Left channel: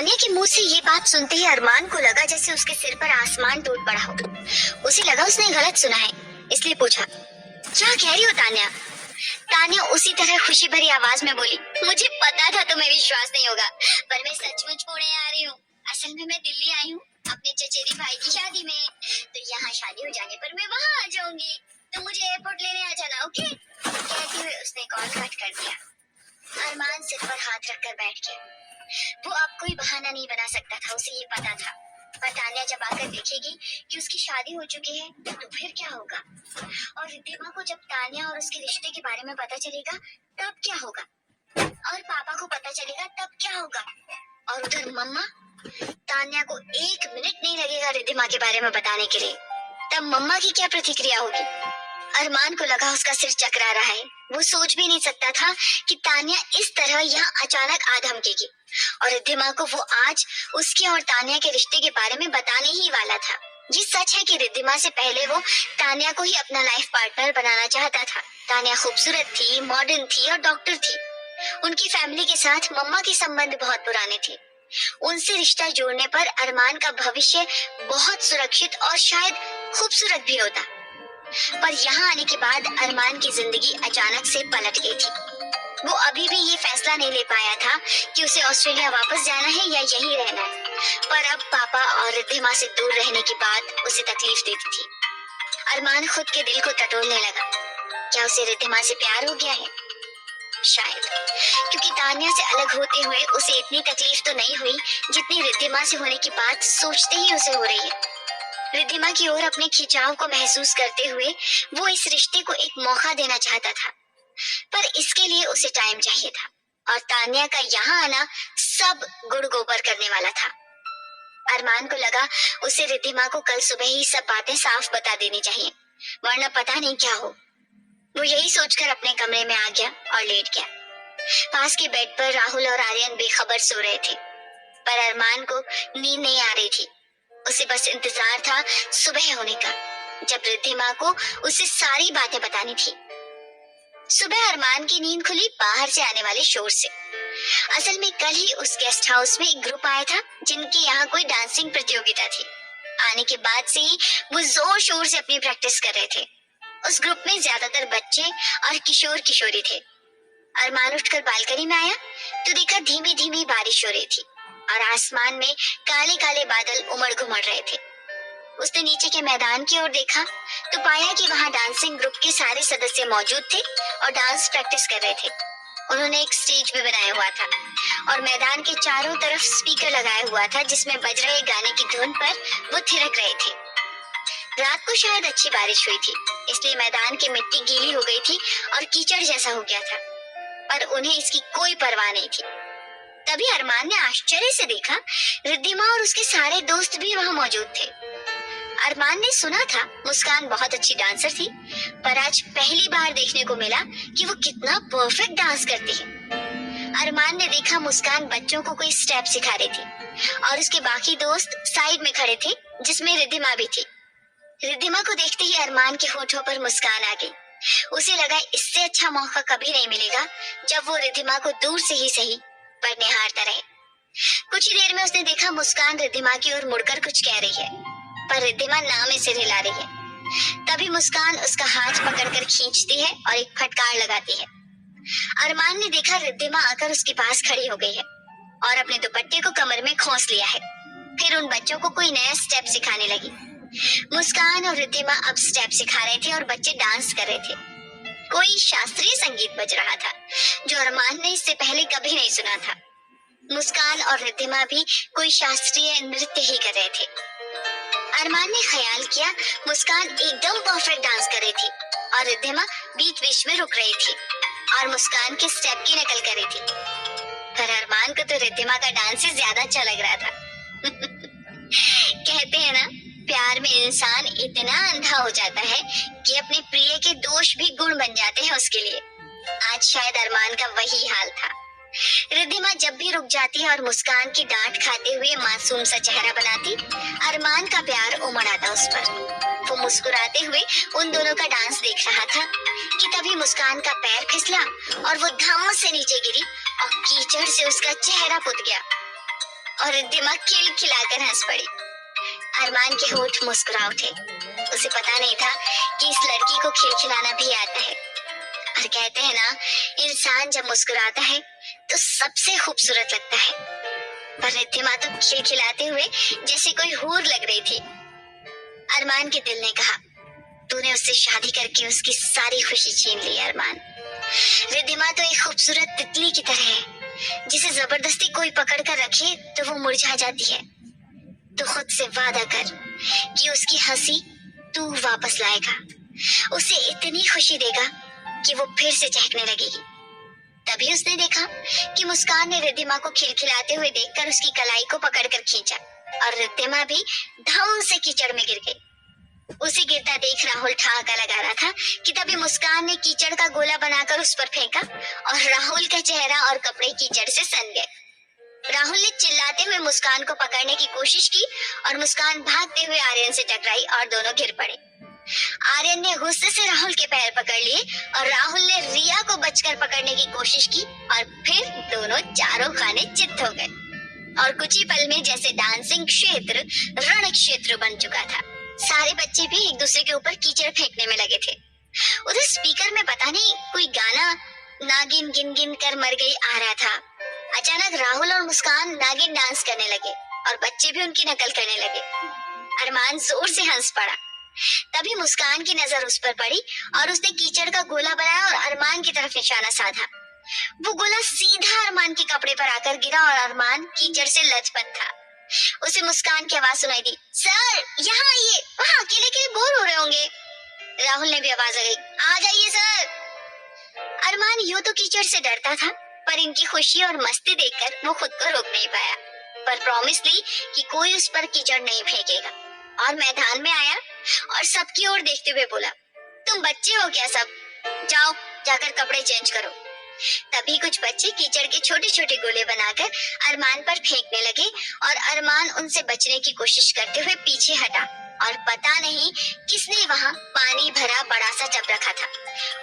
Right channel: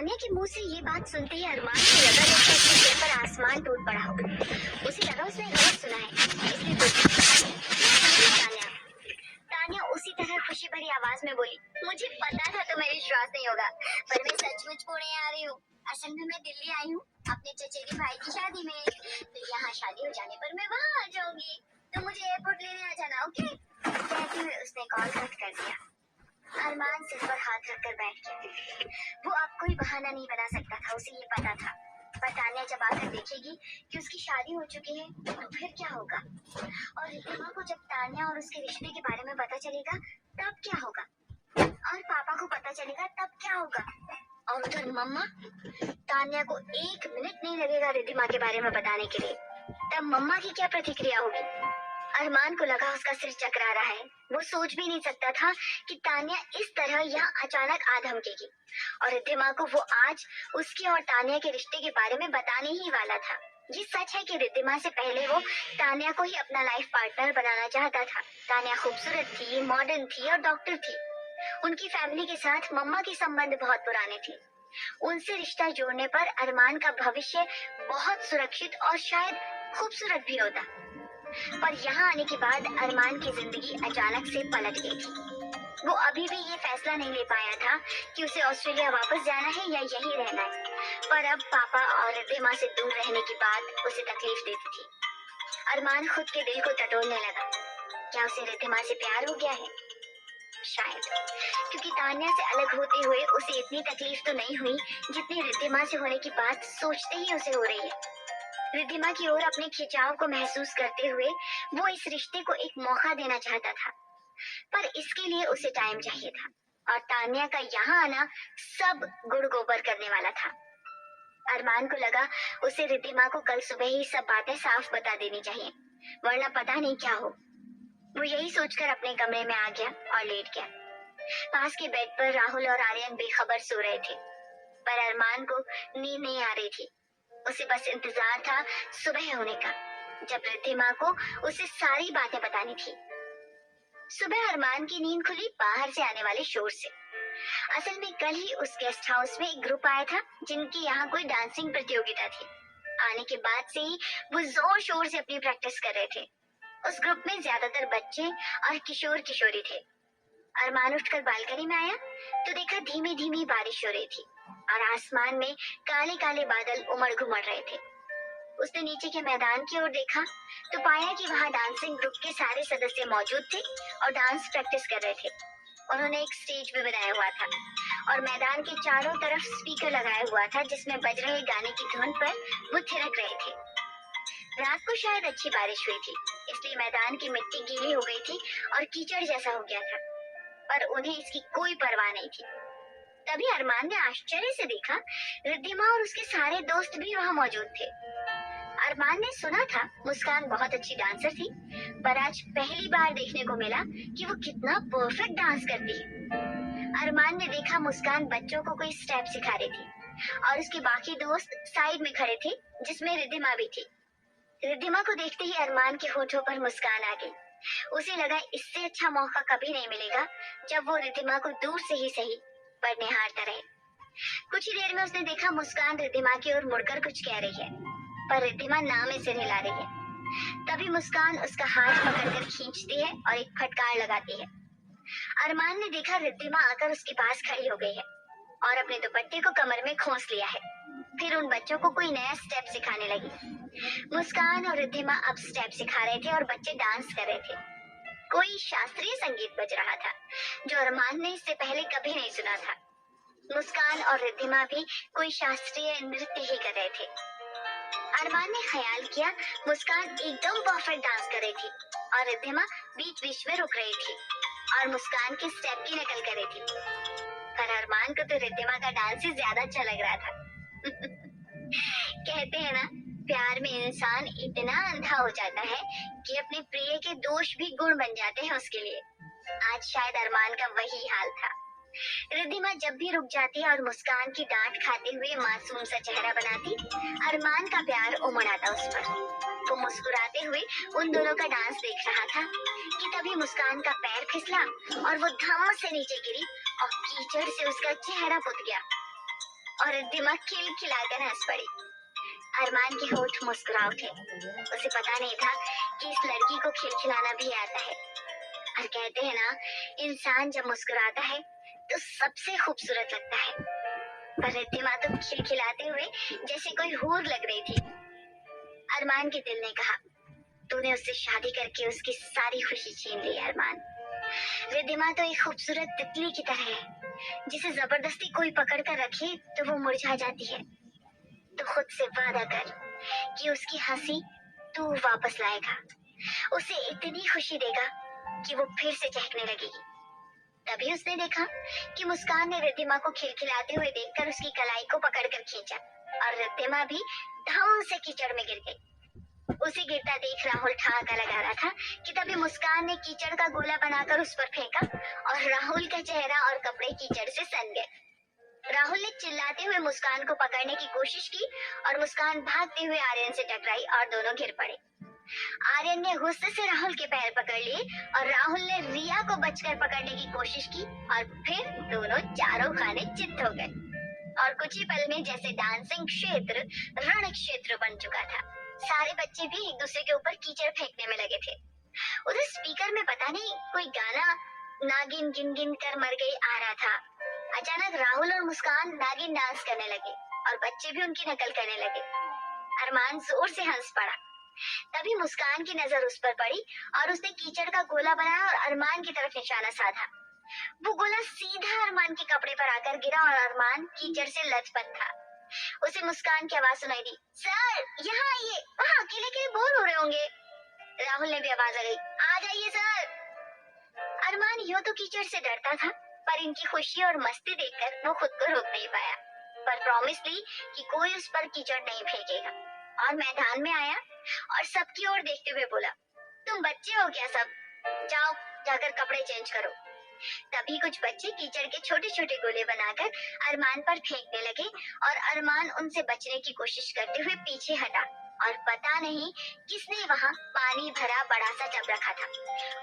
तानिया के मुंह से ये बात सुनते ही अरमान को लगा जैसे उसके सिर पर आसमान टूट पड़ा हो। उसे लगा उसने गलत सुना है, इसलिए पूछा, क्या कह रही हो तानिया? तानिया उसी तरह खुशी भरी आवाज में बोली, मुझे पता था तुम्हें विश्वास नहीं होगा, पर मैं सचमुच पुणे आ रही हूँ। असल में मैं दिल्ली आई हूँ अपने चचेरी भाई की शादी में, तो यहाँ शादी हो जाने पर मैं वहाँ आ जाऊंगी, तो मुझे एयरपोर्ट लेने आ जाना, ओके? कहते हुए उसने कॉल कट कर दिया। अरमान सिर पर हाथ रखकर बैठ गया। वो अब कोई बहाना नहीं बना सकता था, उसे ये पता था। पर तानिया जब आकर देखेगी कि उसकी शादी हो चुकी है, तो फिर क्या होगा? और रिद्धिमा को जब तानिया और उसके रिश्ते के बारे में पता चलेगा, तब क्या होगा? और पापा को पता चलेगा, तब क्या होगा? और उधर मम्मा, तानिया को 1 मिनट नहीं लगेगा रिद्धिमा के बारे में बताने के लिए। तब मम्मा की क्या प्रतिक्रिया होगी? अरमान को लगा उसका सिर चकरा रहा है। वो सोच भी नहीं सकता था कि तानिया इस तरह यहाँ अचानक आ धमकेगी, और रिद्धिमा को वो आज उसके और तानिया के रिश्ते के बारे में बताने ही वाला था। ये सच है कि रिद्धिमा से पहले वो तानिया को ही अपना लाइफ पार्टनर बनाना चाहता था। तानिया खूबसूरत थी, मॉडर्न थी और डॉक्टर थी। उनकी फैमिली के साथ मम्मा के संबंध बहुत पुराने थे। उनसे रिश्ता जोड़ने पर अरमान का भविष्य बहुत सुरक्षित और शायद खूबसूरत भी होता। पर यहाँ आने के बाद अरमान की जिंदगी अचानक से पलट गई थी। वो अभी भी ये फैसला नहीं ले पाया था कि उसे ऑस्ट्रेलिया वापस जाना है या यहीं रहना है। पर अब पापा और रिद्धिमा से दूर रहने की बात उसे तकलीफ देती थी। अरमान खुद के दिल को टटोलने लगा। क्या उसे रिद्धिमा से प्यार हो गया है? शायद, क्योंकि तानिया से अलग होते हुए उसे इतनी तकलीफ तो नहीं हुई जितनी रिद्धिमा से होने की बात सोचते ही उसे हो रही है। रिद्धिमा की ओर अपने खिंचाव को महसूस करते हुए वो इस रिश्ते को एक मौका देना चाहता था, पर इसके लिए उसे टाइम चाहिए था, और तानिया का यहाँ आना सब गुड़ गोबर करने वाला था। अरमान को लगा उसे रिद्धिमा को कल सुबह ही सब बातें साफ बता देनी चाहिए, वरना पता नहीं क्या हो। वो यही सोचकर अपने कमरे में आ गया और लेट गया। पास के बेड पर राहुल और आर्यन बेखबर सो रहे थे, पर अरमान को नींद नहीं आ रही थी। उसे बस इंतजार था सुबह होने का, जब रिद्धिमा को उसे सारी बातें बतानी थी। सुबह अरमान की नींद खुली बाहर से आने वाले शोर से। असल में कल ही उस गेस्ट हाउस में एक ग्रुप आया था जिनकी यहाँ कोई डांसिंग प्रतियोगिता थी। आने के बाद से ही वो जोर शोर से अपनी प्रैक्टिस कर रहे थे। उस ग्रुप में ज्यादातर बच्चे और किशोर किशोरी थे। अरमान उठकर बालकनी में आया तो देखा धीमी धीमी बारिश हो रही थी और आसमान में काले काले बादल उमड़ घुमड़ रहे थे। उसने नीचे के मैदान की ओर देखा तो पाया कि वहाँ डांसिंग ग्रुप के सारे सदस्य मौजूद थे और डांस प्रैक्टिस कर रहे थे। उन्होंने एक स्टेज भी बनाया हुआ था और मैदान के चारों तरफ स्पीकर लगाया हुआ था जिसमें बज रहे गाने की धुन पर वो थिरक रहे थे। रात को शायद अच्छी बारिश हुई थी, इसलिए मैदान की मिट्टी गीली हो गई थी और कीचड़ जैसा हो गया था, पर उन्हें इसकी कोई परवाह नहीं थी। तभी अरमान ने आश्चर्य से देखा रिद्धिमा और उसके सारे दोस्त भी वहाँ मौजूद थे। अरमान ने सुना था मुस्कान बहुत अच्छी डांसर थी, पर आज पहली बार देखने को मिला कि वो कितना परफेक्ट डांस करती है। अरमान ने देखा मुस्कान बच्चों को कोई स्टेप सिखा रही थी और उसके बाकी दोस्त साइड में खड़े थे, जिसमें रिद्धिमा भी थी। रिद्धिमा को देखते ही अरमान के होठों पर मुस्कान आ गई। उसे लगा इससे अच्छा मौका कभी नहीं मिलेगा जब वो रिद्धिमा को दूर से ही सही पर निहारता रहे। कुछ ही देर में उसने देखा मुस्कान रिद्धिमा की ओर मुड़कर कुछ कह रही है, पर रिद्धिमा ना में सिर हिला रही है। तभी मुस्कान उसका हाथ पकड़कर खींचती है और एक फटकार लगाती है। अरमान ने देखा रिद्धिमा आकर उसके पास खड़ी हो गई है और अपने दुपट्टे को कमर में खोस लिया है। फिर उन बच्चों को कोई नया स्टेप सिखाने लगी। मुस्कान और रिद्धिमा अब स्टेप सिखा रहे थे और बच्चे डांस कर रहे थे। कोई शास्त्रीय संगीत बज रहा था जो अरमान ने इससे पहले कभी नहीं सुना था। मुस्कान और रिद्धिमा भी कोई शास्त्रीय नृत्य ही कर रहे थे। अरमान ने ख्याल किया मुस्कान एकदम परफेक्ट डांस कर रही थी और रिद्धिमा बीच बीच में रुक रही थी और मुस्कान के स्टेप की नकल कर रही थी। पर अरमान को तो रिद्धिमा का डांस ही ज्यादा अच्छा लग रहा था। कहते हैं ना, प्यार में इंसान इतना अंधा हो जाता है कि अपने प्रिय के दोष भी गुण बन जाते हैं उसके लिए। आज शायद अरमान का वही हाल था। रिद्धिमा जब भी रुक जाती और मुस्कान की डांट खाते हुए मासूम सा चेहरा बनाती, अरमान का प्यार उमड़ आता उस पर। वो मुस्कुराते हुए उन दोनों का डांस देख रहा था कि तभी मुस्कान का पैर फिसला और वो धम से नीचे गिरी और कीचड़ से उसका चेहरा पुत गया। और रिद्धिमा खिलखिलाकर हंस पड़ी। अरमान के होंठ मुस्कुरा उठे। उसे पता नहीं था कि इस लड़की को खिलखिलाना भी आता है। और कहते हैं ना, इंसान जब मुस्कुराता है तो सबसे खूबसूरत लगता है। पर रिद्धिमा तो खिलखिलाते हुए जैसे कोई हूर लग रही थी। अरमान के दिल ने कहा, तूने उससे शादी करके उसकी सारी खुशी छीन ली अरमान। रिद्धिमा तो एक खूबसूरत तितली की तरह है, जिसे जबरदस्ती कोई पकड़ कर रखे तो वो मुरझा जाती है। तो खुद से वादा कर कि उसकी हंसी तू वापस लाएगा, उसे इतनी खुशी देगा कि वो फिर से चहकने लगेगी। तभी उसने देखा कि मुस्कान ने रिद्धिमा को खिलखिलाते हुए देखकर उसकी कलाई को पकड़कर खींचा और रिद्धिमा भी धड़ाम से कीचड़ में गिर गई। उसे गिरता देख राहुल ठहाका लगा रहा था कि तभी मुस्कान ने कीचड़ का गोला बनाकर उस पर फेंका और राहुल का चेहरा और कपड़े कीचड़ से सन गए। राहुल ने चिल्लाते हुए मुस्कान को पकड़ने की कोशिश की और मुस्कान भागते हुए आर्यन से टकराई और दोनों गिर पड़े। आर्यन ने गुस्से से राहुल के पैर पकड़ लिए और राहुल ने रिया को बचकर पकड़ने की कोशिश की और फिर दोनों चारों खाने चित्त हो गए और कुछ ही पल में जैसे डांसिंग क्षेत्र रण क्षेत्र बन चुका था। सारे बच्चे भी एक दूसरे के ऊपर कीचड़ फेंकने में लगे थे। उधर स्पीकर में पता नहीं कोई गाना नागिन गिन गिन कर मर गई आ रहा था। अचानक राहुल और मुस्कान नागिन डांस करने लगे और बच्चे भी उनकी नकल करने लगे। अरमान जोर से हंस पड़ा। तभी मुस्कान की नजर उस पर पड़ी और उसने कीचड़ का गोला बनाया और अरमान की तरफ निशाना साधा। वो गोला सीधा अरमान के कपड़े पर आकर गिरा और अरमान कीचड़ से लथपथ था। उसे मुस्कान की आवाज सुनाई दी, सर यहाँ आइए, वहाँ अकेले अकेले बोर हो रहे होंगे। राहुल ने भी आवाज लगाई, आ जाइए सर। अरमान यूं तो कीचड़ से डरता था, पर इनकी खुशी और मस्ती देखकर वो खुद को रोक नहीं पाया, पर प्रॉमिस ली कि कोई उस पर कीचड़ नहीं फेंकेगा और मैदान में आया और सबकी ओर देखते हुए बोला, तुम बच्चे हो क्या सब, जाओ जाकर कपड़े चेंज करो। तभी कुछ बच्चे कीचड़ के छोटे छोटे गोले बनाकर अरमान पर फेंकने लगे और अरमान उनसे बचने की कोशिश करते हुए पीछे हटा और पता नहीं किसने वहाँ पानी भरा बड़ा सा टब रखा था।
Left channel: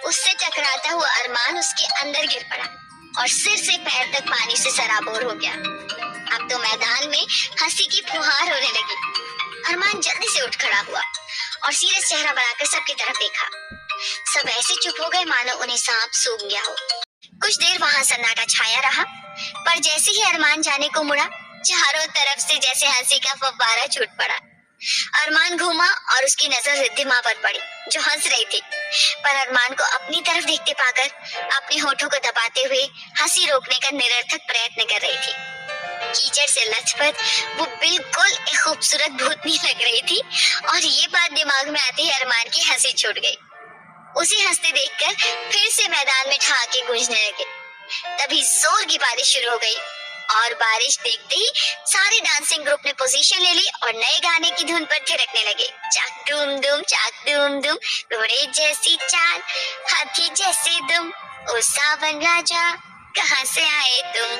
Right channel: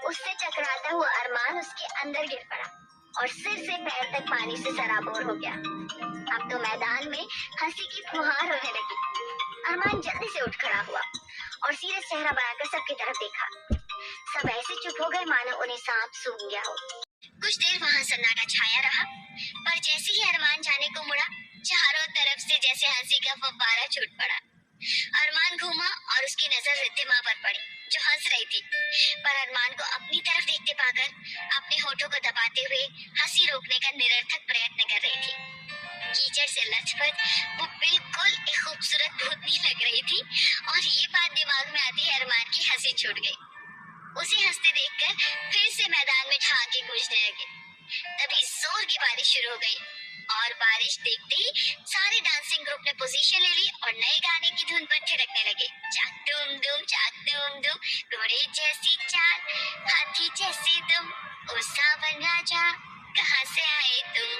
उससे टकराता हुआ अरमान उसके अंदर गिर पड़ा और सिर से पैर तक पानी से सराबोर हो गया। अब तो मैदान में हंसी की फुहार होने लगी। अरमान जल्दी से उठ खड़ा हुआ और सीरियस चेहरा बनाकर सबकी तरफ देखा। सब ऐसे चुप हो गए मानो उन्हें सांप सूंघ गया हो। कुछ देर वहाँ सन्नाटा छाया रहा, पर जैसे ही अरमान जाने को मुड़ा, चारों तरफ से जैसे हंसी का फव्वारा छूट पड़ा। अरमान घूमा और उसकी नजर रिद्धिमा पर पड़ी, जो हंस रही थी, पर अरमान को अपनी तरफ देखते पाकर अपने होठों को दबाते हुए हंसी रोकने का निरर्थक प्रयत्न कर रही थी। कीचड़ से लथपथ वो बिल्कुल एक खूबसूरत भूतनी लग रही थी और ये बात दिमाग में आते ही अरमान की हंसी छूट गई। उसे हंसते देखकर फिर से मैदान में ठहाके गूंजने लगे। तभी जोर की बारिश शुरू हो गई और बारिश देखते ही सारे डांसिंग ग्रुप ने पोजीशन ले ली और नए गाने की धुन पर थिरकने लगे। चाक दूम दूम चाक दूम दूम, घोड़े जैसी चाल, हाथी जैसे दुम, ओ सावन राजा कहाँ से आए तुम।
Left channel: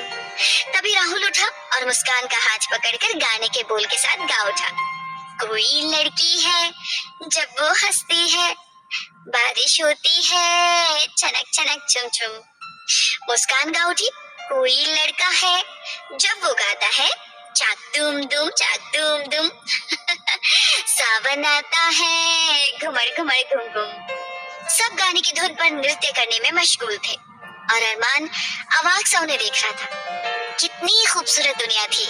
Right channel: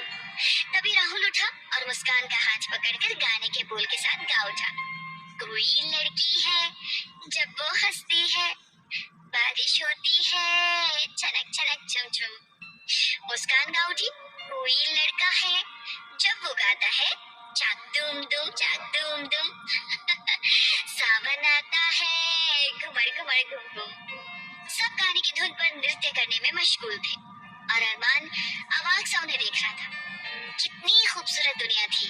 तभी राहुल उठा और मुस्कान का हाथ पकड़कर गाने के बोल के साथ गा उठा, कोई लड़की है जब वो हंसती है, बारिश होती है छनक छनक चुम चुम। मुस्कान गा उठी, कोई लड़का है जब वो गाता है, चाक दूम दूम चाक दूम दुम सावन आता है घुमड़ घुमड़ घुम घुम। सब गाने की धुन पर नृत्य करने में मशगूल थे और अरमान अवाक सा उन्हें देख रहा था। कितनी खूबसूरत दुनिया थी।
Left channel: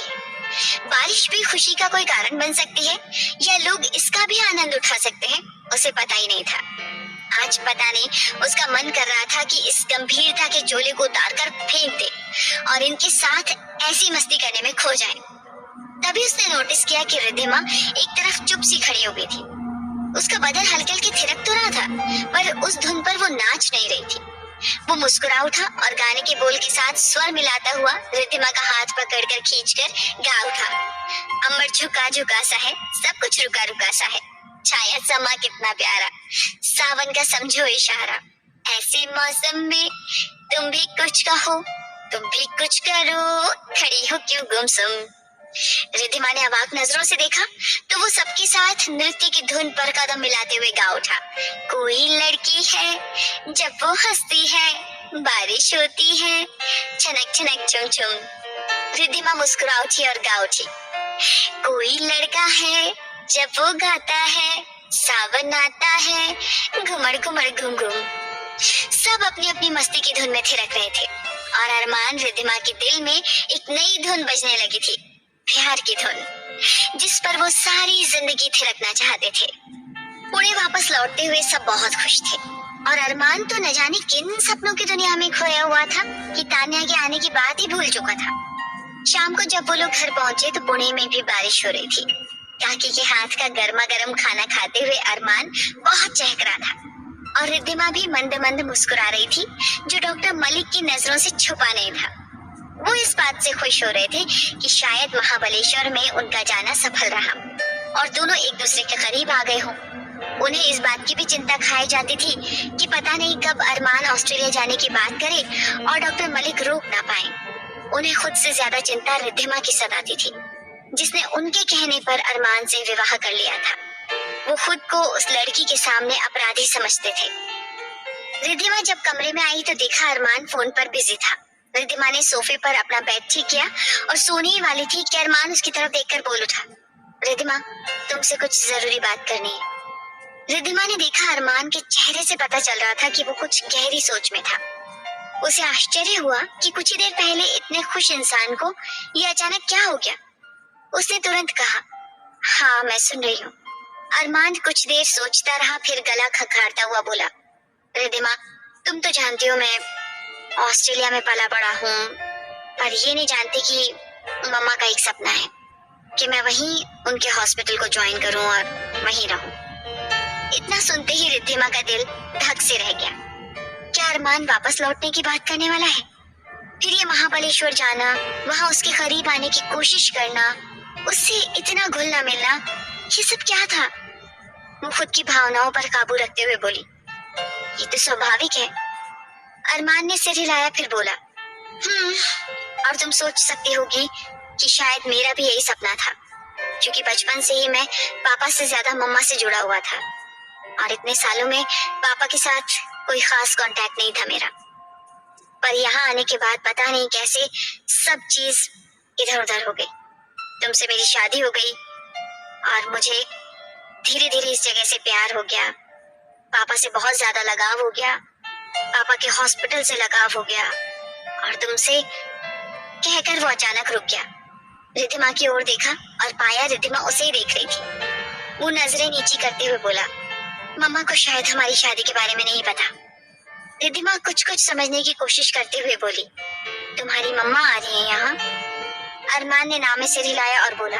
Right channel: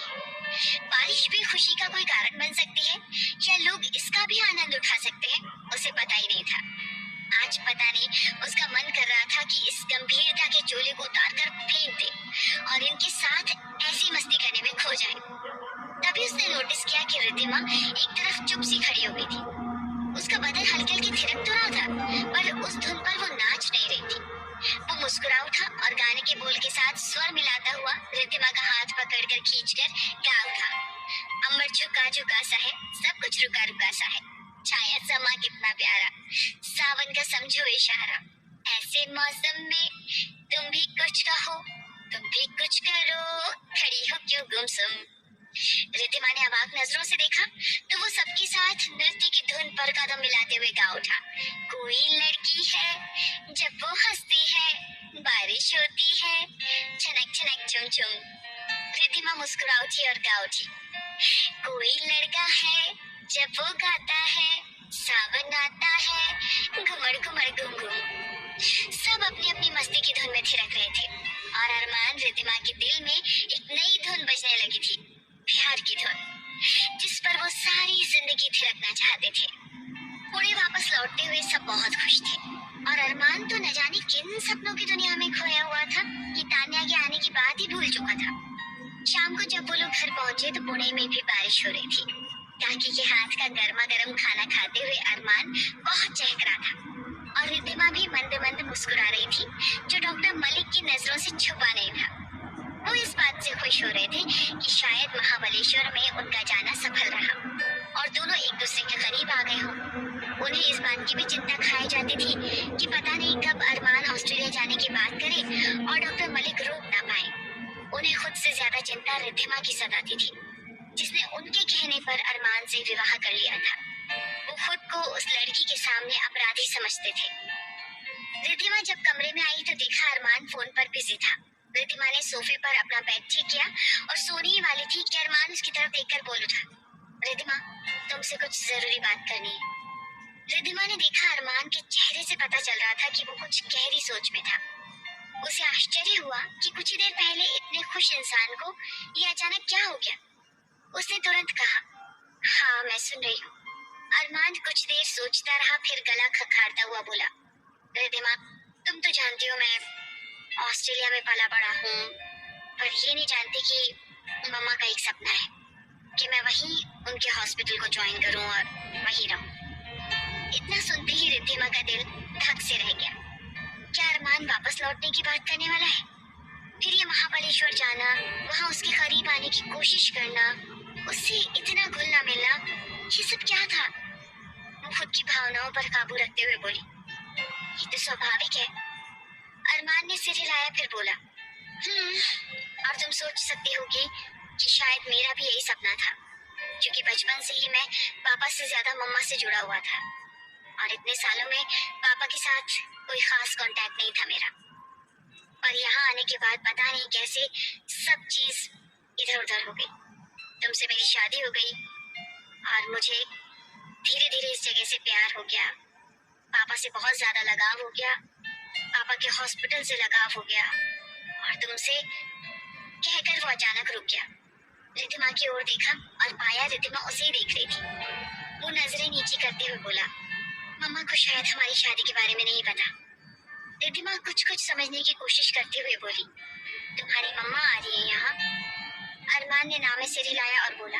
बारिश भी खुशी का कोई कारण बन सकती है या लोग इसका भी आनंद उठा सकते हैं, उसे पता ही नहीं था। आज पता नहीं उसका मन कर रहा था कि इस गंभीरता के चोले को उतार कर फेंक दे और इनके साथ ऐसी मस्ती करने में खो जाए। तभी उसने नोटिस किया कि रिद्धिमा एक तरफ चुप सी खड़ी हो गई थी। उसका बदन हल्के हल्के थिरक तो रहा था, पर उस धुन पर वो नाच नहीं रही थी। वो मुस्कुरा उठा और गाने के बोल के साथ स्वर मिलाता हुआ रिद्धिमा का हाथ पकड़कर खींचकर गा उठा, अम्बर झुका झुका सा है, सब कुछ रुका रुका सा है, छाया समा कितना प्यारा, सावन का समझो इशारा, ऐसे मौसम में तुम भी कुछ कहो, तुम भी कुछ करो, खड़ी हो क्यों गुमसुम। रिद्धिमा ने अवाक नजरों से देखा तो वो सबके साथ नृत्य की धुन पर कदम मिलाते हुए गा उठा, कोई लड़की है जब वो हंसती है, बारिश होती है छनक छनक चुम चुम। रिद्धिमा मुस्कुरा उठी और गा उठी, कोई लड़का है जब वो गाता है, सावन आता है, घुमड़ घुमड़ घूम घूम। सब अपनी अपनी मस्ती की धुन में थिरक रहे थे और अरमान रिद्धिमा के दिल में एक नई धुन बजने लगी थी, प्यार की धुन, जिस पर वो सारी जिंदगी थिरकना चाहते थे। पुणे वापस लौटते हुए सब बहुत खुश थे और अरमान तो न जाने किन सपनों की दुनिया में खोया हुआ था कि तान्या के आने की बात ही भूल चुका था। शाम को जब वो लोग घर पहुंचे तो पुणे में भी बारिश हो रही थी। काकी के हाथ का गर्मा गर्म खाना खाते हुए अरमान बहुत चहक रहा था और रिद्धिमा भी मंद मंद मुस्कुरा रही थी, जो डॉक्टर मलिक की नजरों से छुपा नहीं था। वो इस बात से खुश हो रहे थे कि शायद महाबलेश्वर में उनका जाना सफल रहा और दोनों एक दूसरे के करीब आ गए हों। उन्हें इस बात की भी चिंता खाई जाती थी कि पता नहीं कब अरमान ऑस्ट्रेलिया जाने की बात करे और डॉक्टर मलिक रोक ना पाए। उन्हें खुद से ज्यादा चिंता रिद्धिमा की सताती थी, जिसने उनके कहने पर अरमान से विवाह कर लिया था। वो खुद को उस लड़की के सामने अपराधी समझते थे। रिद्धिमा जब कमरे में आई तो देखा अरमान फोन पर बिजी था। रिद्धिमा ने सोफे पर अपना बैग ठीक किया और सोने ही वाली थी कि अरमान उसकी तरफ देखकर बोल उठा, रिद्धिमा, तुमसे कुछ जरूरी बात करनी है। रिद्धिमा ने देखा अरमान के चेहरे से पता चल रहा था कि वो कुछ गहरी सोच में था। उसे आश्चर्य हुआ कि कुछ ही देर पहले इतने खुश इंसान को ये अचानक क्या हो गया। उसने तुरंत कहा, हाँ मैं सुन रही हूँ। अरमान कुछ देर सोचता रहा, फिर गला खखारता हुआ बोला, रिद्धिमा, तुम तो जानती हो मैं ऑस्ट्रेलिया में पला बड़ा हूँ, पर ये नहीं जानती कि मम्मा का एक सपना है कि मैं वहीं उनके हॉस्पिटल को ज्वाइन करूँ और वहीं रहूँ। इतना सुनते ही रिद्धिमा का दिल धक से रह गया। क्या अरमान वापस लौटने की बात करने वाला है? फिर ये महाबलेश्वर जाना, वहां उसके करीब आने की कोशिश करना, उससे इतना घुलना मिलना, ये सब क्या था? वो खुद की भावनाओं पर काबू रखते हुए बोली, ये तो स्वाभाविक है। अरमान ने सिर हिलाया, फिर बोला, और तुम सोच सकती होगी कि शायद मेरा भी यही सपना था, क्योंकि बचपन से ही मैं पापा से ज्यादा मम्मा से जुड़ा हुआ था और इतने सालों में पापा के साथ कोई खास कांटेक्ट नहीं था मेरा। पर यहाँ आने के बाद पता नहीं कैसे सब चीज इधर उधर हो गई। तुमसे मेरी शादी हो गई और मुझे धीरे धीरे इस जगह से प्यार हो गया। पापा से बहुत ज्यादा लगाव हो गया, पापा के हॉस्पिटल से लगाव हो गया और तुमसे कहकर वो अचानक रुक गया। रिद्धिमा की ओर देखा और पाया रिद्धिमा उसे ही देख रही थी। वो नजरें नीची करते हुए बोला, मम्मा को शायद हमारी शादी के बारे में नहीं पता। रिद्धिमा कुछ कुछ समझने की कोशिश करते हुए बोली, तुम्हारी मम्मा आ रही है यहाँ? अरमान ने नाम में सिर हिलाया और बोला,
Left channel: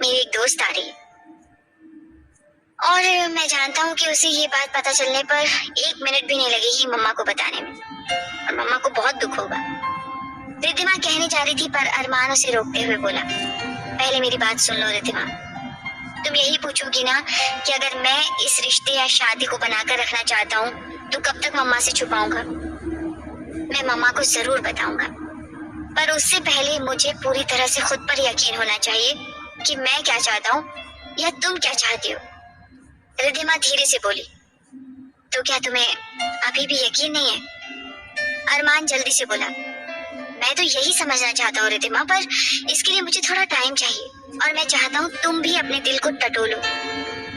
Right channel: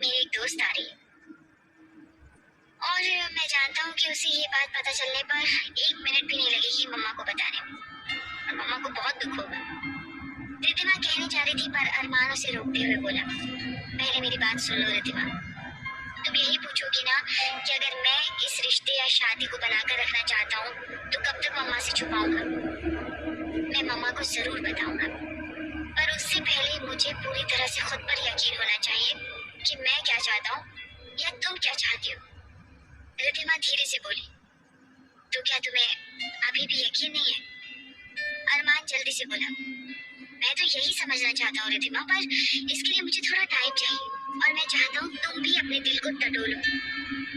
मेरी एक दोस्त आ रही है और मैं जानता हूँ कि उसे ये बात पता चलने पर 1 मिनट भी नहीं लगेगी मम्मा को बताने में और मम्मा को बहुत दुख होगा। रिद्धिमा कहने जा रही थी पर अरमान उसे रोकते हुए बोला, पहले मेरी बात सुन लो रिद्धिमा। तुम यही पूछोगी ना कि अगर मैं इस रिश्ते या शादी को बनाकर रखना चाहता हूँ तो कब तक मम्मा से छुपाऊंगा? मैं मम्मा को जरूर बताऊंगा, पर उससे पहले मुझे पूरी तरह से खुद पर यकीन होना चाहिए कि मैं क्या चाहता हूँ या तुम क्या चाहती हो। रिद्धिमा धीरे से बोली, तो क्या तुम्हें अभी भी यकीन नहीं है? अरमान जल्दी से बोला, मैं तो यही समझना चाहता हूँ रिद्धिमा, पर इसके लिए मुझे थोड़ा टाइम चाहिए और मैं चाहता हूँ तुम भी अपने दिल को टटोलो,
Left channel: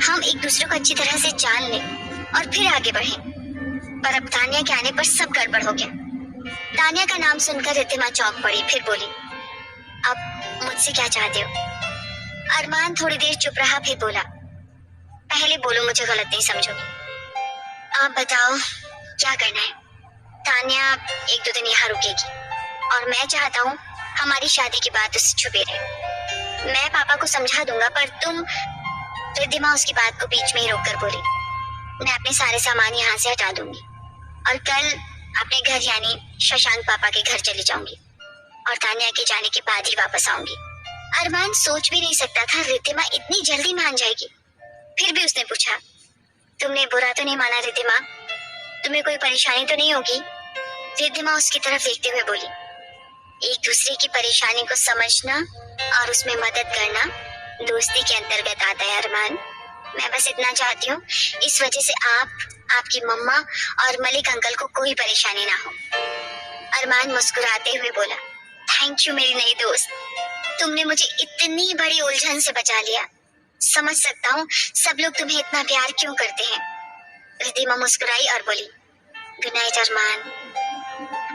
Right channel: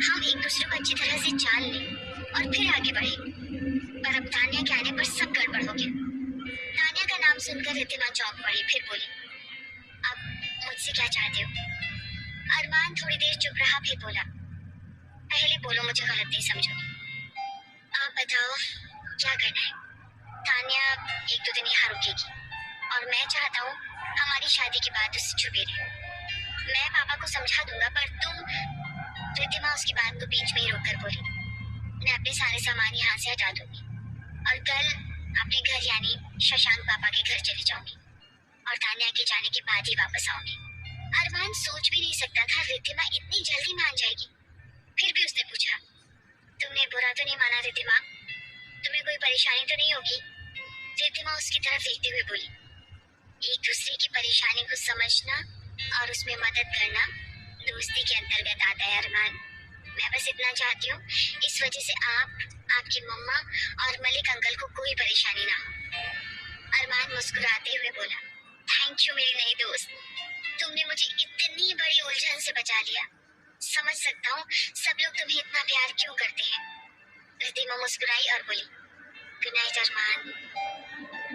हम एक दूसरे को अच्छी तरह से जान लें और फिर आगे बढ़ें। पर अब तान्या के आने पर सब गड़बड़ हो गया। तान्या का नाम सुनकर रिद्धिमा चौंक पड़ी, फिर बोली, अब मुझसे क्या चाहते हो? अरमान थोड़ी देर चुप रहा, फिर बोला, पहले बोलो, मुझे गलत नहीं समझोगी। आप बताओ क्या करना है? तान्या 1-2 दिन यहाँ रुकेगी और मैं चाहता हूँ हमारी शादी की बात उससे छुपे रहे। मैं पापा को समझा दूंगा, पर तुम। रिद्धिमा उसकी बात को बीच में ही रोककर बोली, मैं अपने सारे सामान यहाँ से हटा दूंगी और कल अपने घर यानी शशांक पापा के घर चली जाऊंगी और तान्या के जाने के बाद ही वापस आऊंगी। अरमान सोच भी नहीं सकता था रिद्धिमा इतनी जल्दी मान जाएगी। फिर भी उसने पूछा, तुमने बुरा तो नहीं माना रिद्धिमा? तुम्हें कोई परेशानी तो नहीं होगी? रिद्धिमा उसकी तरफ देखते हुए बोली, एक दूसरे की परेशानी को समझना और उसमें मदद करना दोस्ती के अंतर्गत आता है अरमान। मैं बस इतना चाहती हूँ इस वजह से आपकी मम्मा और मलिक अंकल को कोई परेशानी ना हो। अरमान मुस्कुराते हुए बोला, थैंक यू मेरी नई दोस्त, तुमने मुझे इतनी बड़ी उलझन से बचा लिया। समझ सकता हूँ सब लोग तुम्हें इतना प्यार क्यों करते हैं। रिद्धिमा मुस्कुराई और बोली, गुड नाइट अरमान।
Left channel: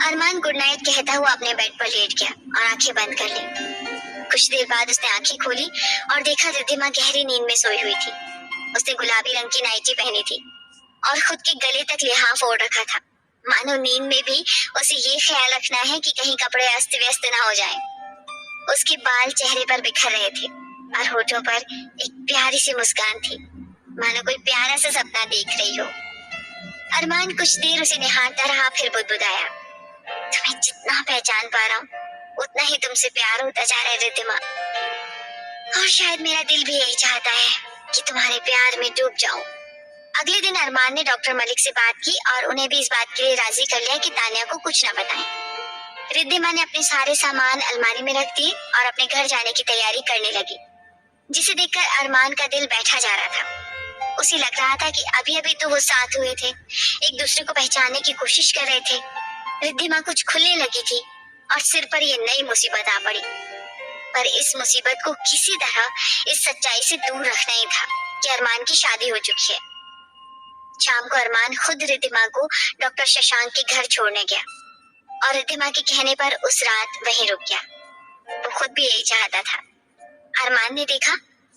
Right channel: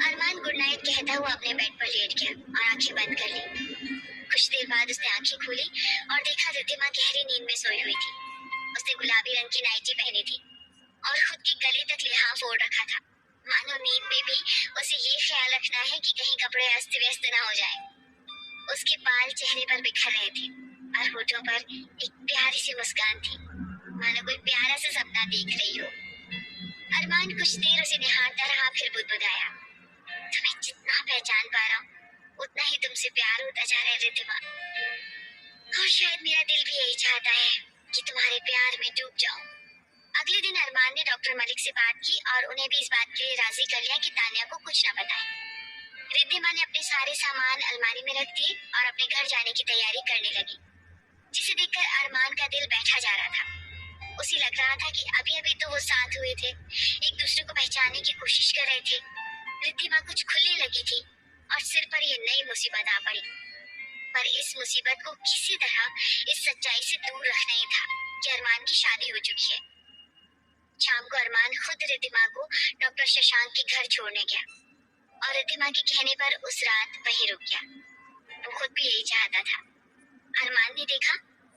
अरमान गुड नाइट कहता हुआ अपने बेड पर लेट गया और आंखें बंद कर ली। कुछ देर बाद उसने आंखें खोली और देखा रिद्धिमा गहरी नींद में सोई हुई थी। उसने गुलाबी रंग की नाइटी पहनी थी और खुद के गले तक लिहाफ ओढ़ रखा था, मानो नींद में भी उसे ये ख्याल रखना है कि कहीं कपड़े अस्त व्यस्त ना हो जाएं। उसके बाल चेहरे पर बिखर रहे थे और होठों पर एक प्यारी सी मुस्कान थी, मानो कोई प्यारा सा सपना देख रही हो। अरमान कुछ देर उसे निहारता रहा, फिर बुदबुदाया, तुम्हें जितना पहचान पा रहा हूँ उतना ही तुमसे प्यार होता जा रहा है रिद्धिमा, और शायद मेरा दिल भी यही चाहता है कि तुम्हारे प्यार में डूब जाऊं। अगले दिन अरमान ने डॉक्टर मलिक से बात की और उन्हें भी इस बात के लिए राजी कर लिया कि तानिया को कुछ न बताएं। रिद्धिमा ने अपने सारे सामान अलमारी में रख दिए और अपने घर जाने की तैयारी करने लगी, जिसे देखकर अरमान का दिल बैठा जा रहा था। उसे लग रहा था कि अभी अभी तो वो साथ हुए थे, एक दूसरे को पहचानने की कोशिश कर रहे थे। रिद्धिमा कुछ खुलने लगी थी और सिर पर ये नई मुसीबत आ पड़ी। पर इस मुसीबत को किसी तरह इस सच्चाई से दूर रखना ही था कि अरमान की शादी हो चुकी है। शाम को अरमान खुद रिद्धिमा को डॉक्टर शशांक के घर छोड़ने गया और रिद्धिमा के कहने पर उस रात वहीं रुक गया। वो खुद भी यही चाहता था। अरमान ने देखा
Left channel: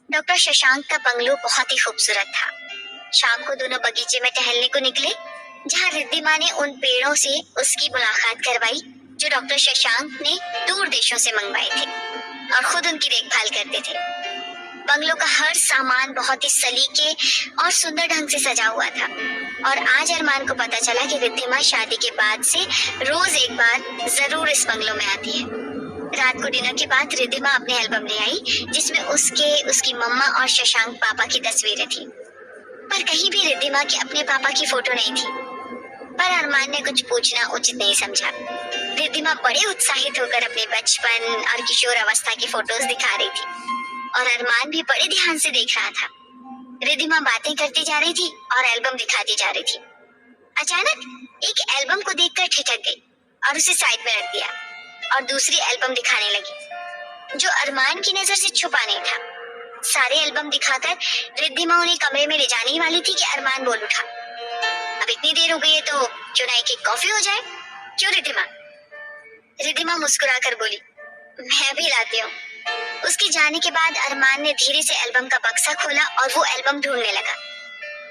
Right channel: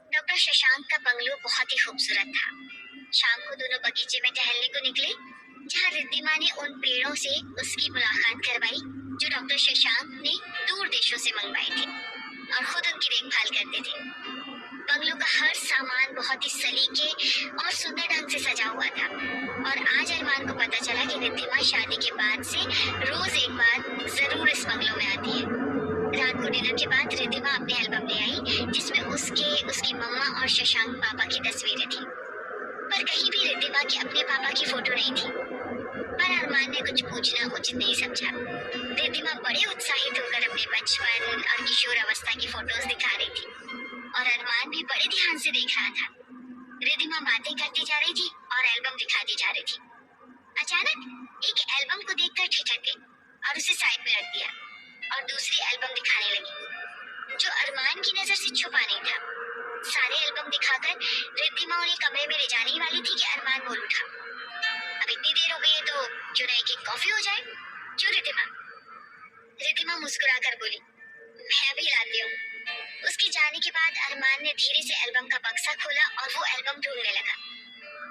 डॉक्टर शशांक का बंगलो बहुत ही खूबसूरत था। शाम को दोनों बगीचे में टहलने को निकले, जहाँ रिद्धिमा ने उन पेड़ों से उसकी मुलाकात करवाई जो डॉक्टर शशांक ने दूर देशों से मंगवाए थे और खुद उनकी देखभाल करते थे। बंगलों का हर सामान बहुत ही सलीके और सुंदर ढंग से सजा हुआ था और आज अरमान को पता चला कि रिद्धिमा शादी के बाद से रोज एक बार जरूर इस बंगलों में आती है। रात को डिनर के बाद रिद्धिमा अपने एल्बम ले आई, जिसमें उसकी मम्मा और शशांक पापा की तस्वीरें थी, पर कहीं भी रिद्धिमा की अपने पापा की फोटो नहीं थी। पर अरमान ने कुछ पूछना उचित नहीं समझा। रिद्धिमा बड़े उत्साहित होकर अपने बचपन और किशोर अवस्था की फोटोज दिखा रही थी और अरमान भी बड़े ध्यान से देख रहा था। रिद्धिमा बातें करती जा रही थी और एल्बम दिखाती जा रही थी। अचानक एक एल्बम को देखकर ठिठक गई और उसे साइड में रख दिया और दूसरी एल्बम दिखाने लगी, जो अरमान की नजर से छुपा नहीं था। सारे एल्बम दिखाकर रिद्धिमा उन्हें कमरे में ले जाने ही वाली थी कि अरमान बोल उठा, अब इतनी देर हो गई है तो क्यों ना एक कॉफी हो जाए। क्यों रिद्धिमा? रिद्धिमा मुस्कुराकर बोली, मैं भी लाती हूँ। उसके जाने के बाद अरमान ने धीरे से एल्बम का बक्सा खोला और वो एल्बम ढूंढने लगा।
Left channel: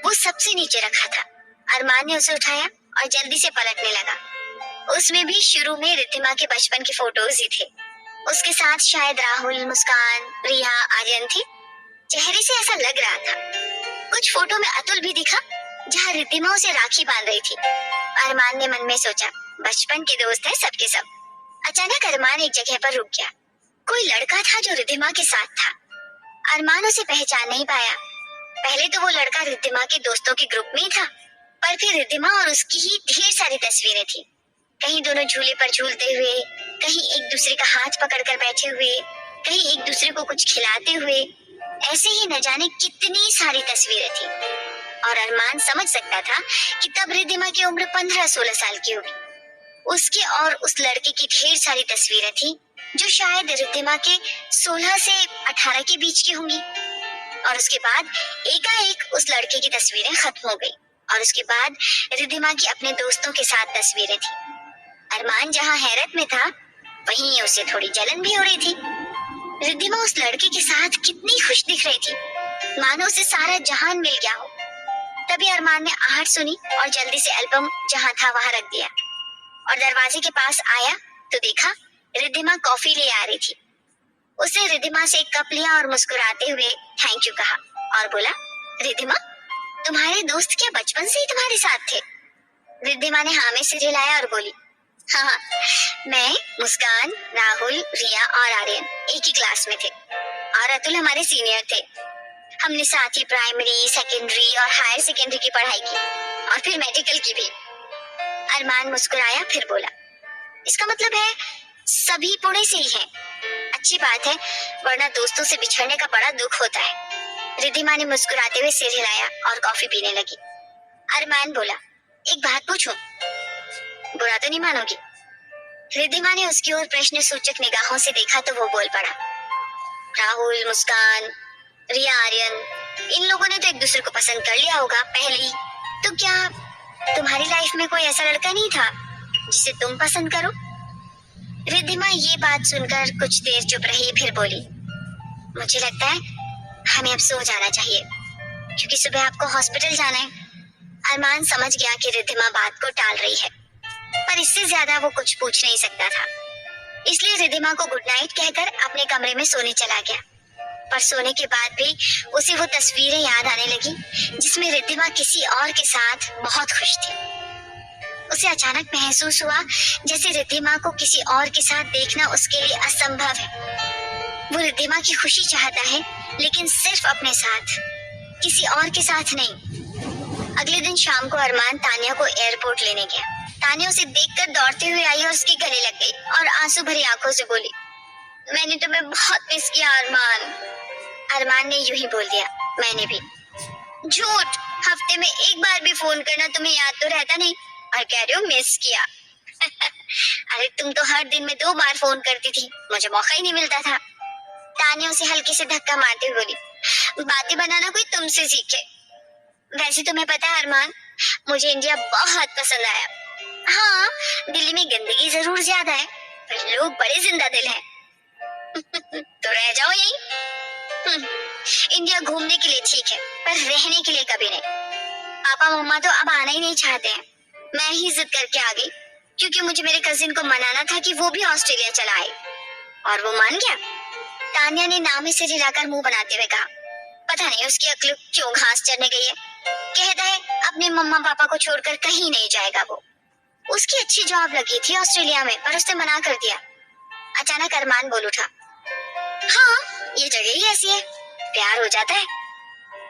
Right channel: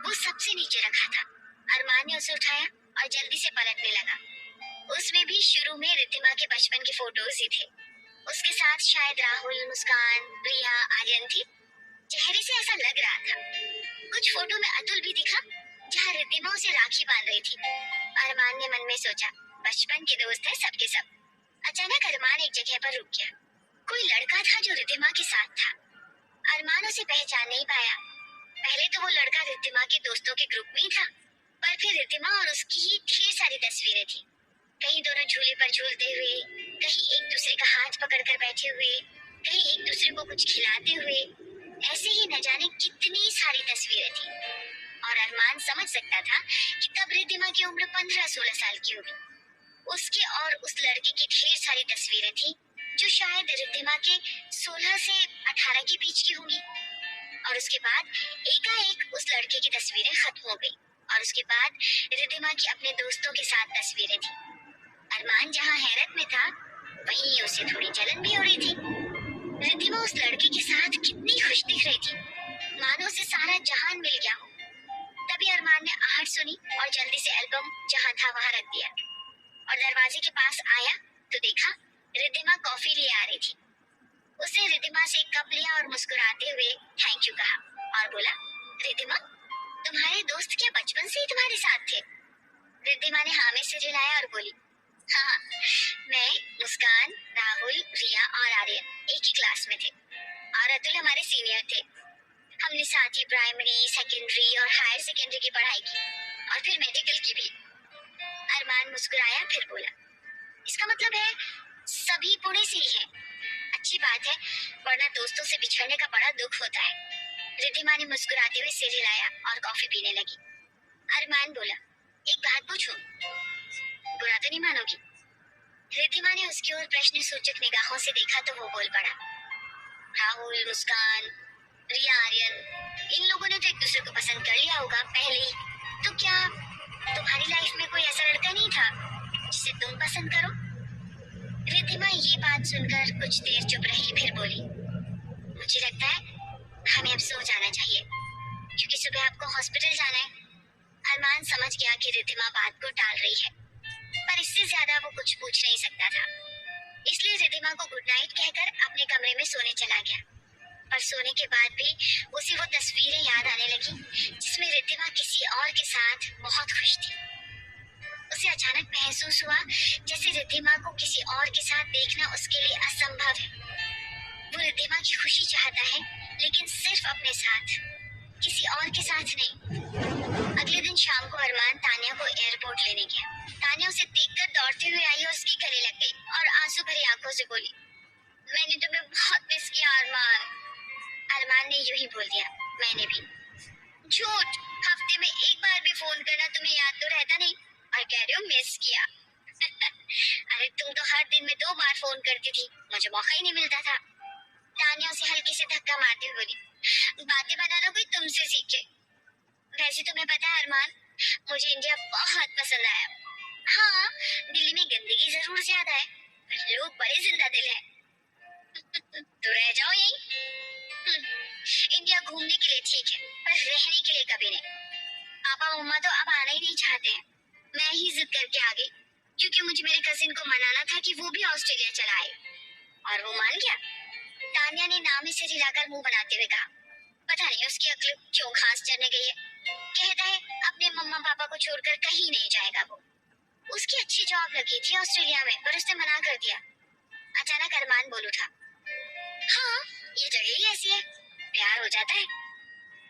वो सबसे नीचे रखा था। अरमान ने उसे उठाया और जल्दी से पलटने लगा। उसमें भी शुरू में रिद्धिमा के बचपन के फोटोज ही थे। उसके साथ शायद राहुल, मुस्कान, प्रिया, आर्यन थे। चेहरे से ऐसा लग रहा था। कुछ फोटो में अतुल भी दिखा, जहाँ रिद्धिमा उसे राखी बांध रही थी। अरमान ने मन में सोचा, बचपन के दोस्त हैं सबके सब। अचानक अरमान एक जगह पर रुक गया। कोई लड़का था जो रिद्धिमा के साथ था। अरमान उसे पहचान नहीं पाया। पहले तो वो लड़का रिद्धिमा के दोस्तों के ग्रुप में ही था, पर फिर रिद्धिमा और उसकी ही ढेर सारी तस्वीरें थी। कहीं दोनों झूले पर झूलते हुए, कहीं एक दूसरे का हाथ पकड़कर बैठे हुए, कहीं एक दूसरे को कुछ खिलाते हुए। ऐसे ही न जाने कितनी सारी तस्वीरें थी और अरमान समझ सकता था कि तब रिद्धिमा की उम्र 15-16 साल की होगी। उसके और उस लड़के की ढेर सारी तस्वीरें थी जो शायद रिद्धिमा के 16 से 18 के बीच की होंगी। और उसके बाद एकाएक उस लड़के की तस्वीरें खत्म हो गई और उसके बाद रिद्धिमा की अपने दोस्तों के साथ तस्वीरें थी। अरमान जहाँ हैरत में था, वहीं उसे थोड़ी जलन भी हो रही थी। रिद्धिमा उस लड़के के साथ कितनी खुश दिख रही थी, मानो उसे सारा जहान मिल गया हो। तभी अरमान ने आहट सुनी और जल्दी से एल्बम जहाँ था वहाँ रख दिया और दरवाजे के पास आया तो देखा रिद्धिमा कॉफी ले आ रही थी। उसने रिद्धिमा से एक कप लिया और मुस्कुराते हुए थैंक यू कहा और बोला, रिद्धिमा, तुम्हारे दोस्त क्या बचपन से ही तुम्हारे साथ थे? रिद्धिमा ने हाँ में सिर हिलाया और बोली, हाँ, मैं, मुस्कान, राहुल, रिया और आर्यन एक ही क्लास में थे और अतुल हमारे सीनियर थे। हमने साथ ही प्राइमरी, सेकेंडरी और हायर सेकेंडरी की पढ़ाई की और फिर मेडिकल की भी। अरमान मुस्कुराया, फिर बोला, इसका मतलब है सभी पुणे से ही हैं। अच्छी बात है, वरना दोस्तों से बिछड़ने का बड़ा दुख होता है। रिद्धिमा ने मुस्कुराते हुए सिर हिलाया और कॉफी पीने लगी। अरमान बोला, एक बात पूछूं? बुरा तो नहीं मानोगी? रिद्धिमा ने उसकी ओर प्रश्न सूचक निगाहों से देखा तो वो बोल पड़ा, राहुल, मुस्कान, रिया, आर्यन, इन लोगों ने तो एक दूसरे को पसंद कर लिया होगा पहले ही। तो क्या तुम्हारी लाइफ में कोई ऐसा लड़का नहीं था जिसे तुम पसंद करो? रिद्धिमा ये बात सुनकर कुछ देर चुप रही, फिर बोली, मुझे लगता है हमें अब सो जाना चाहिए क्योंकि सुबह आपको हॉस्पिटल जाना है। अरमान समझ गया कि रिद्धिमा बात को टाल रही है, पर इससे ज्यादा वो कुछ पूछ नहीं सकता था, इसलिए रिद्धिमा को गुड नाइट कहकर अपने कमरे में सोने चला गया। पर सोने के बाद भी उसे वो तस्वीरें याद आने लगी जिसमें रिद्धिमा किसी और के साथ बहुत खुश थी। उसे अचानक महसूस हुआ जैसे रिद्धिमा को किसी और के साथ देखना उसके लिए असंभव है। वो रिद्धिमा की खुशी चाहता है, लेकिन सिर्फ अपने साथ, किसी और के साथ नहीं। अगले दिन शाम को अरमान तानिया को एयरपोर्ट लेने गया। तानिया उसे देखकर दौड़ते हुए आई और उसके गले लग गई और आंसू भरी आंखों से बोली, मैंने तुम्हें बहुत मिस किया अरमान। अरमान ने यूं ही बोल दिया, मैंने भी। झूठ, हफ्ते में एक बार भी फोन करना तुम्हें याद तो रहता नहीं और कह रहे हो मिस किया। अरे तुम तो हर दिन में 2 बार फोन करती थी, मुझे मौका ही नहीं मिलता था। तानिया उसे हल्के से धक्का मारते हुए बोली, बातें बनाना कोई तुमसे सीखे। वैसे तुम्हें पता है अरमान, मुझे इंडिया बहुत पसंद आया। हाँ, दिल्ली में गंदगी जरूर ज्यादा है, पर लोग बड़े जिंदा दिल हैं। तो रह जाओ यहीं। इंडिया घूमने के लिए ठीक है, पर रहने के लिए कभी नहीं। पापा मम्मा तो अब आना ही नहीं चाहते हैं। मैं ही जिद करके आ गई क्योंकि मुझे मेरे कजिन को मनाना था कि वो भी ऑस्ट्रेलिया चला आए, और वो मान गया। तानिया ने नाम ही सिर हिलाकर मुंह बनाते हुए कहा, पता नहीं उसकी अक्ल क्यों घास चढ़ने गई है। कहता है अपने मम्मा पापा को छोड़कर कहीं नहीं जाएगा वो। उसकी अच्छी जॉब लगी थी ऑस्ट्रेलिया में, पर उसने मना कर दिया। अचानक अरमान बोल उठा, हाँ, ये जगह ही ऐसी है, प्यार हो जाता है।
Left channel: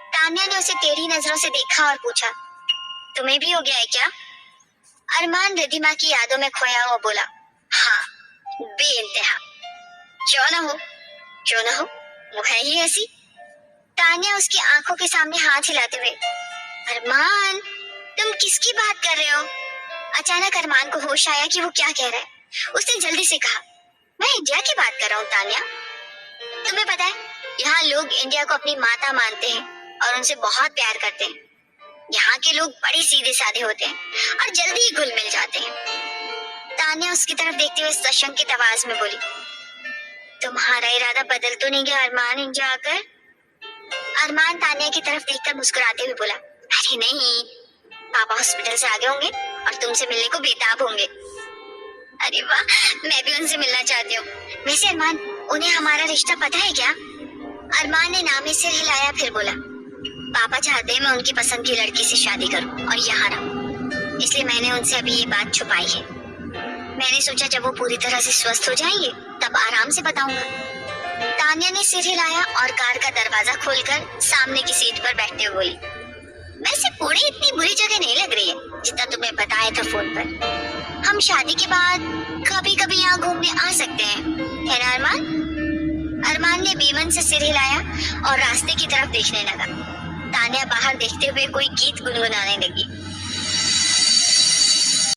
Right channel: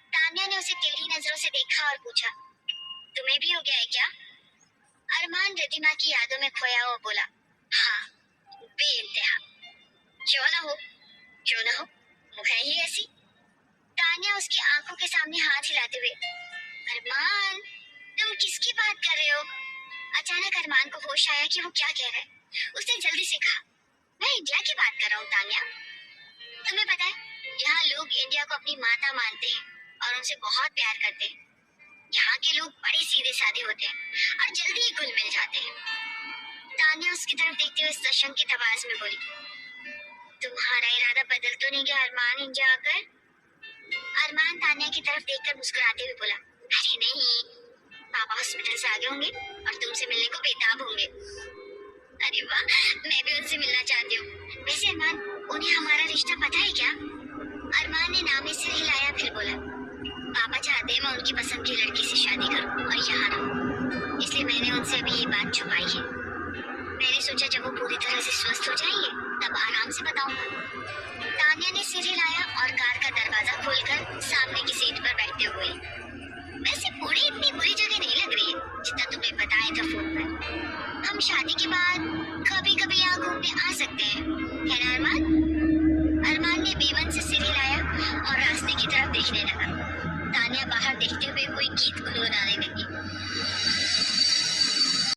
तानिया ने उसे टेढ़ी नजरों से देखा और पूछा, तुम्हें भी हो गया है क्या? अरमान रिद्धिमा की यादों में खोया हुआ बोला, हाँ, बेइंतहा। क्यों ना हो, क्यों ना हो, वो है ही ऐसी। तानिया उसकी आंखों के सामने हाथ हिलाते हुए, अरमान, तुम किसकी बात कर रहे हो? अचानक अरमान को होश आया कि वो क्या कह रहा है। उसने जल्दी से कहा, मैं इंडिया की बात कर रहा हूँ तानिया। तुम्हें पता है, यहाँ लोग इंडिया को अपनी माता मानते हैं और उनसे बहुत प्यार करते हैं। यहाँ के लोग बड़े सीधे साधे होते हैं और जल्दी ही घुल मिल जाते हैं। तानिया उसकी तरफ देखते हुए सशंकित आवाज में बोली, तुम्हारा इरादा बदल तो नहीं गया अरमान इंडिया आकर? अरमान तानिया की तरफ देखकर मुस्कुराते हुए बोला, अरे नहीं, पापा हॉस्पिटल से आ गए होंगे और तुमसे मिलने को बेताब होंगे। अरे वाह, मैं भी उनसे मिलना चाहती हूँ। वैसे अरमान, उन्हें हमारा रिश्ता पता है क्या? अरमान ने नाम सिर हिलाया, फिर बोला, पापा चाहते हैं मैं उनकी पसंद की लड़की से शादी करूं और यहाँ रहूं, इसलिए मैंने उनसे अभी ये बात छुपाई है। मैंने सोचा जब वो पूरी तरह से स्वस्थ हो जाएंगे तब आराम से बताऊंगा। तानिया ने सिर हिलाया और कार का दरवाजा खोलकर सामने की सीट पर बैठते हुए बोली, वैसे पुणे इतनी बुरी जगह नहीं लग रही है जितना तुम्हें बताया था फोन पर। हम शादी के बाद कभी कभी यहाँ घूमने आ सकते हैं, है ना अरमान? अरमान ने बेमन से सिर हिलाया और रास्ते की तरफ देखने लगा। तानिया बाहर देखते हुए कोई गीत गुनगुनाने लगी।